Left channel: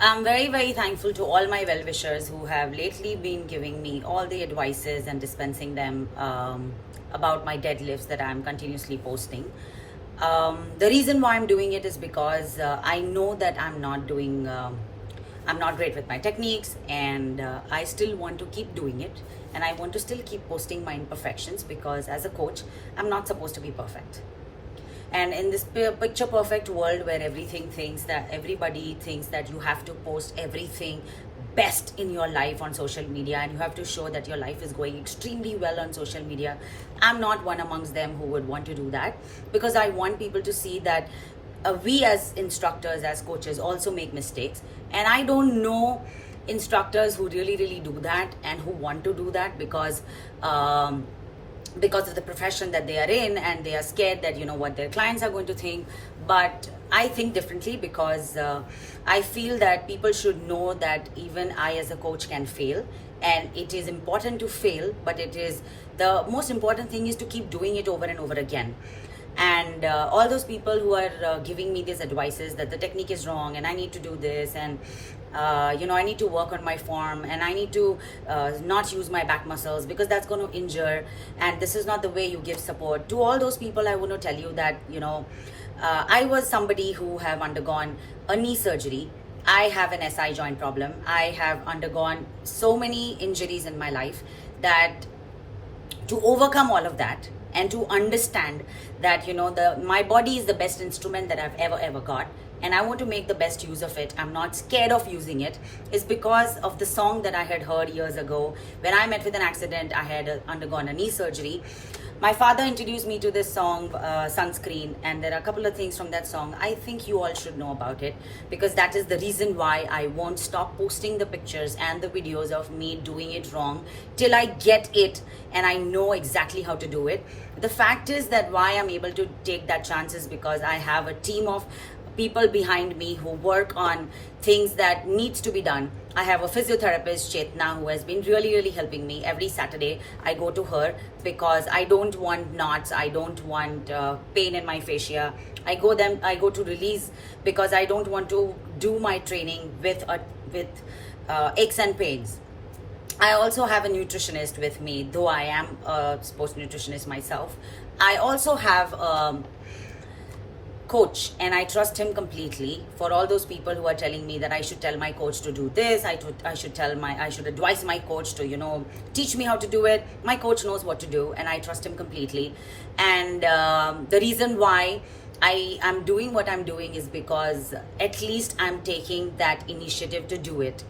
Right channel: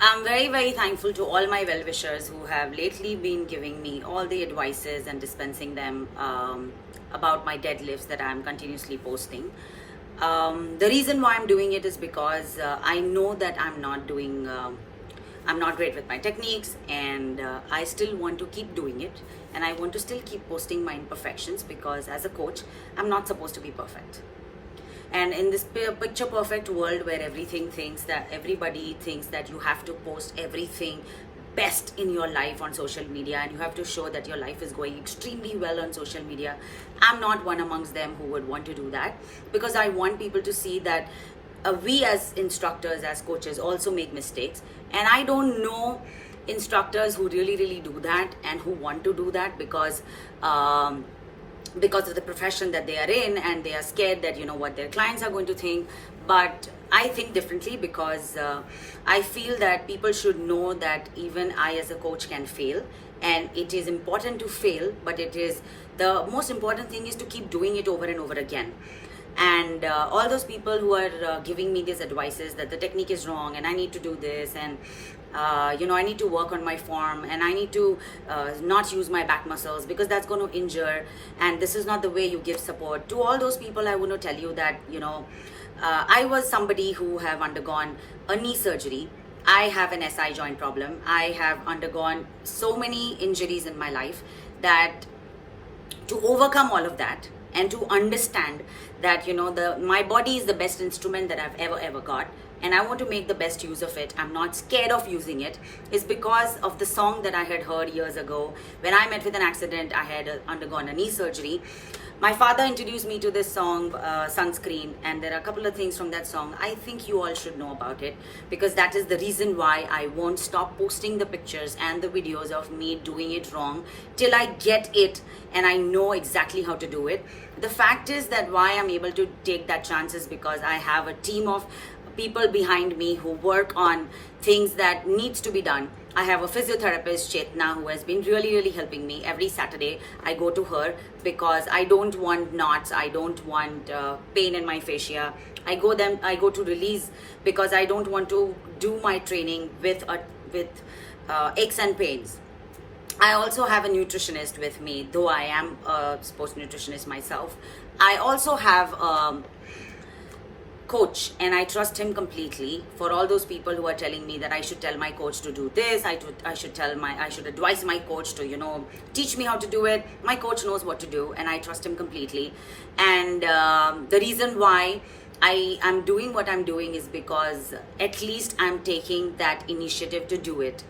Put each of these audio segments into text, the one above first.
I'm very, very thankful to all my well wishers who have lately been giving me all the advices and dispensing them about my deadlifts that I'm continuously posting. The reason why I'm doing it is because I know that I'm not great with my techniques, and I still want to keep doing it, and I want to still keep posting my imperfections because as a coach, I'm not supposed to be perfect. And in this picture perfect world where everybody thinks that you have to post everything best in your life on social media and you have to show that your life is going extremely well on social media, I'm not one amongst them who would want to do that, because I want people to see that we as instructors, as coaches, also make mistakes. And I don't know instructors who really do that and who want to do that because of the profession that they are in, and they are scared that what their clients are going to think. But I think differently, because I feel that people should know that even I as a coach can fail, and it is important to fail, but the most important thing is to keep doing it over and over again. And all those people who are giving me these advices that the technique is wrong and I need to do this, and I need to work on my form, and I need to not use my back muscles because that's going to injure, and this is not the way you give support. To all those people, I want to tell you that I was somebody who have undergone a knee surgery. I have an SI joint problem. I have undergone so many injuries in my life that to overcome all of that and to understand that my body is the best instrument that I've ever got, and I want to make the best use of it. I'm not scared of using it. Is because of the song that I had heard years ago when I met with an accident. I had undergone a knee surgery. My father introduced me to this song, Sunscreen, and there are a couple of things from that song I think you all should know about it, because that is the reason why I won't stop posting the pictures and the videos of me doing it wrong till I get it and I know exactly how to do it. The fact is that why I'm able to take that chance is because I have a team of people behind me who work on things that needs to be done. I have a physiotherapist, Chetna, who has been really helping me. Every Saturday I go to her because I don't want knots, I don't want pain in my fascia. I go to release because I don't want to do my training with aches and pains. I also have a nutritionist with me, though I am a sports nutritionist myself. I also have coach, and I trust him completely. For all those people who are telling me that I should tell my coach to do this, I should advise my coach to teach me how to do it. My coach knows what to do, and I trust him completely. And the reason why I am doing what I'm doing is because at least I'm taking that initiative to do it.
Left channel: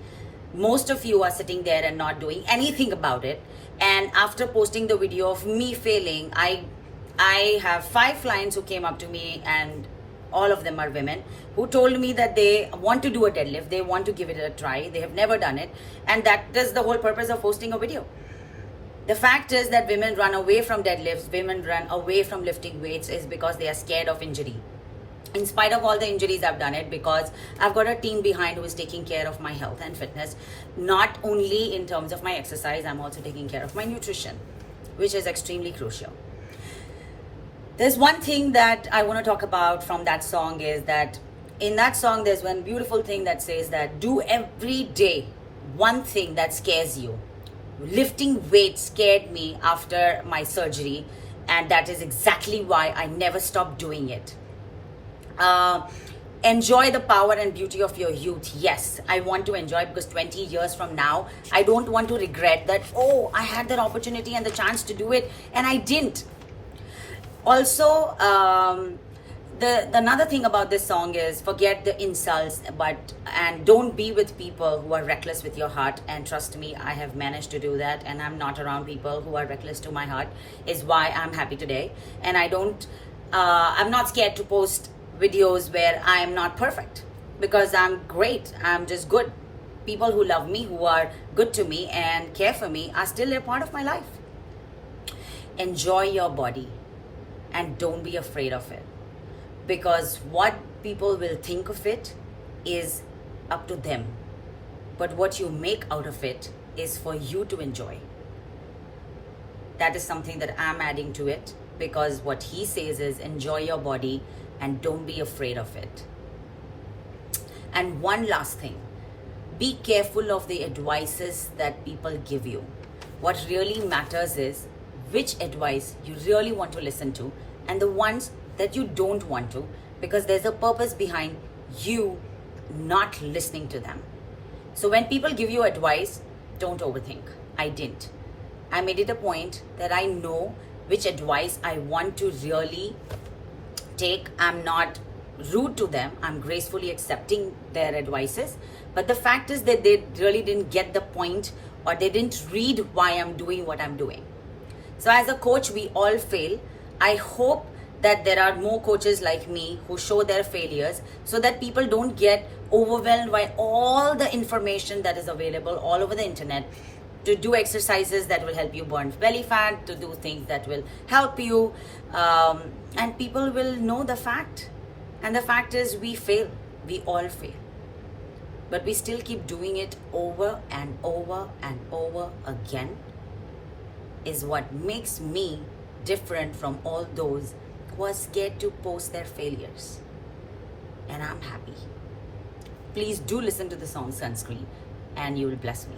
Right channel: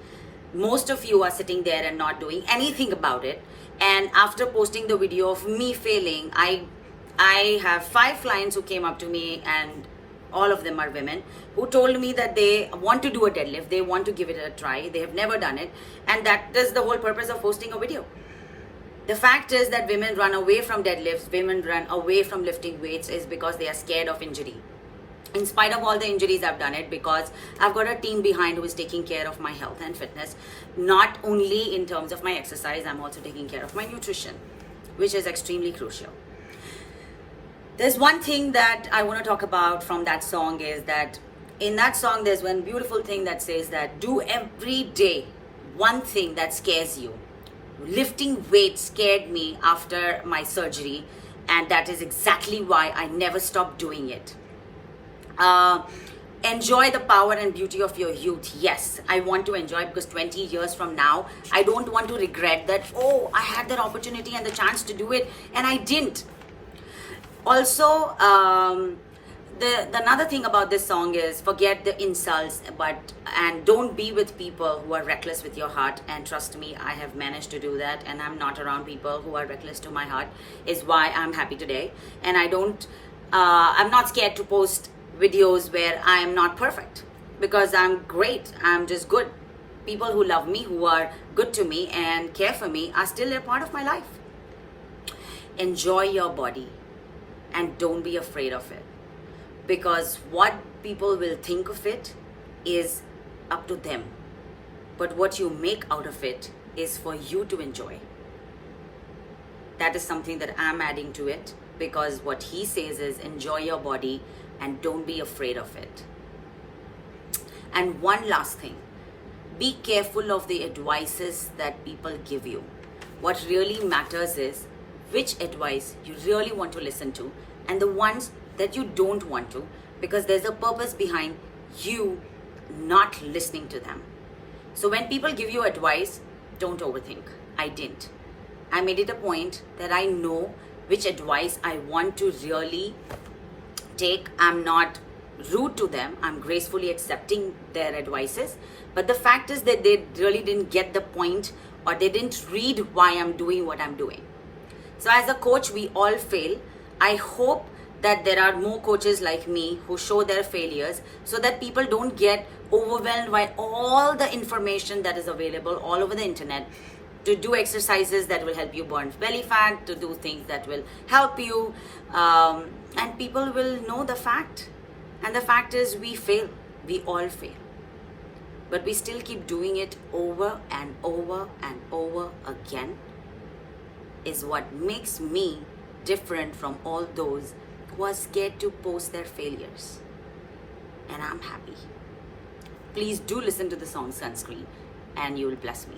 Most of you are sitting there and not doing anything about it. And after posting the video of me failing, I have 5 clients who came up to me, and all of them are women, who told me that they want to do a deadlift, they want to give it a try, they have never done it, and that is the whole purpose of posting a video. The fact is that women run away from deadlifts, women run away from lifting weights is because they are scared of injury. In spite of all the injuries, I've done it because I've got a team behind who is taking care of my health and fitness. Not only in terms of my exercise, I'm also taking care of my nutrition, which is extremely crucial. There's one thing that I want to talk about from that song, is that in that song there's one beautiful thing that says that do every day one thing that scares you. Lifting weights scared me after my surgery, and that is exactly why I never stopped doing it. Enjoy the power and beauty of your youth. Yes, I want to enjoy, because 20 years from now, I don't want to regret that, oh, I had that opportunity and the chance to do it and I didn't. Also, the another thing about this song is forget the insults, and don't be with people who are reckless with your heart. And trust me, I have managed to do that, and I'm not around people who are reckless to my heart, is why I'm happy today. And I'm not scared to post videos where I am not perfect, because I'm great. I'm just good. People who love me, who are good to me and care for me, are still a part of my life. Enjoy your body and don't be afraid of it, because what people will think of it is up to them, but what you make out of it is for you to enjoy. That is something that I'm adding to it, because what he says is enjoy your body and don't be afraid of it. And one last thing, be careful of the advices that people give you. What really matters is which advice you really want to listen to and the ones that you don't want to, because there's a purpose behind you not listening to them. So when people give you advice, don't overthink. I didn't. I made it a point that I know which advice I want to really take. I'm not rude to them. I'm gracefully accepting their advices. But the fact is that they really didn't get the point, or they didn't read why I'm doing what I'm doing. So as a coach, we all fail. I hope that there are more coaches like me who show their failures so that people don't get overwhelmed by all the information that is available all over the internet, to do exercises that will help you burn belly fat, to do things that will help you, and people will know the fact. And the fact is, we fail. We all fail. But we still keep doing it over and over and over again, is what makes me different from all those who are scared to post their failures. And I'm happy. Please do listen to the song Sunscreen and you will bless me.